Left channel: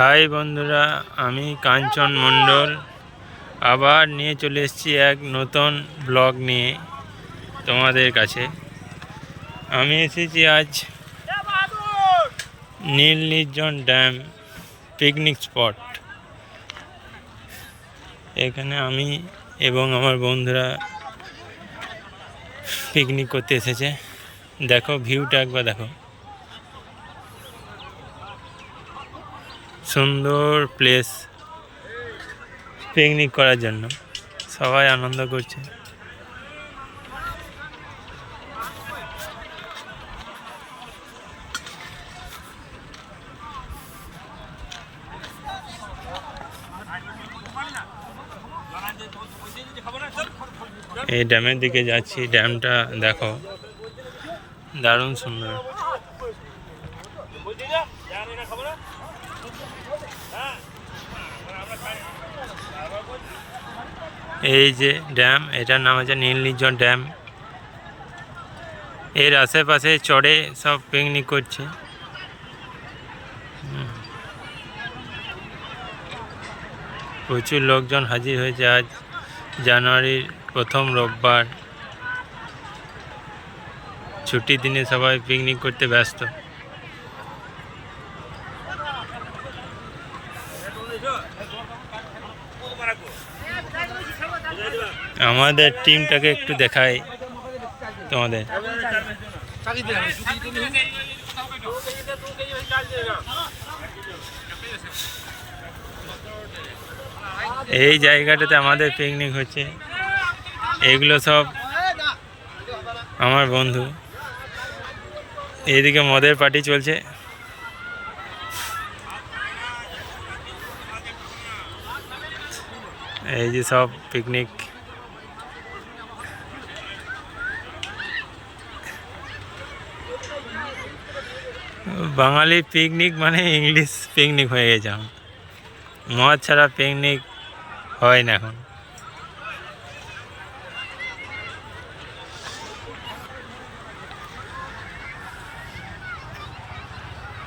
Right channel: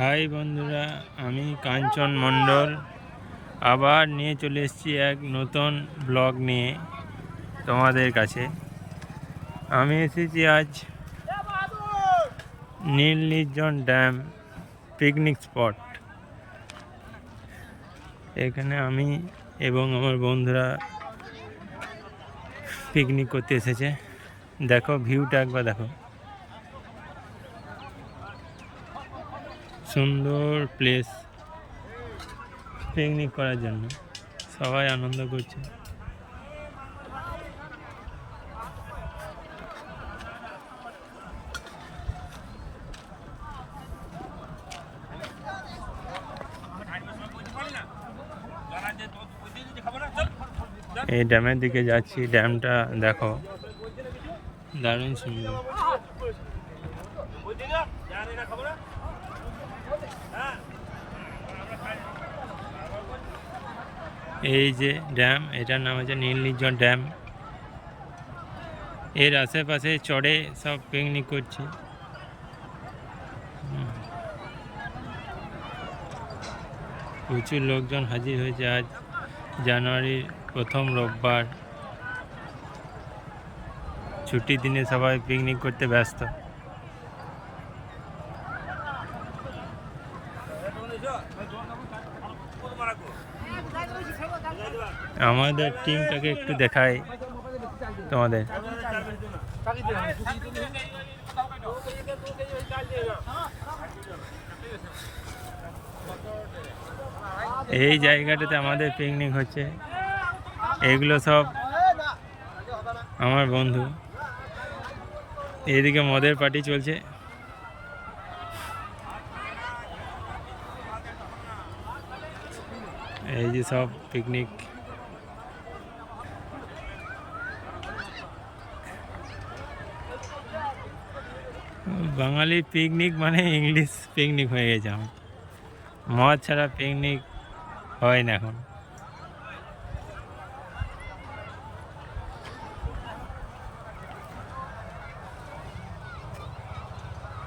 High বন্ধুরা, আমি কাঞ্চন মণ্ডল আবার নিয়ে চলে এসেছি এক নতুন ব্লগ নিয়ে তোমাদের কাছে। আমি এসেছি আজ নীল নির্জন ড্যাম পিকনিক স্পট। এখানে আমি এবং আমার বন্ধুরা পিকনিক করতে এসেছে। দেখো ভিউটা একবার দেখো, সুন্দর প্লেস পিকনিক করার জন্য। সবাই আনন্দ করছে। এই ড্যামের দিকে যাচ্ছি। ড্যামটা দেখো, দারুণ সুন্দর। এই যে ড্যাম, এটার নাম হচ্ছে নীল নির্জন ড্যাম। এর আশেপাশে চড়ে সব পিকনিক করছে। প্রচুর লোকজন হাজির হয়েছে। আজ জানুয়ারির প্রথম রোববার, ছুটির দিনে সবাই পিকনিক করতে ব্যস্ত। আমাদের টিমটাকে একটু দেখাই তোমাদের। এই জায়গাটাতে আমাদের পিকনিক হচ্ছে। এগুলো সব আমার বন্ধু। এইদিকে মদের পার্টি চলছে। এই যে সব পিকনিক। বাঙালি পিকনিক মানে ইংলিশ পিকনিক হয়ে গেছে। মদ ছাড়া পিকনিক হয় না এখন।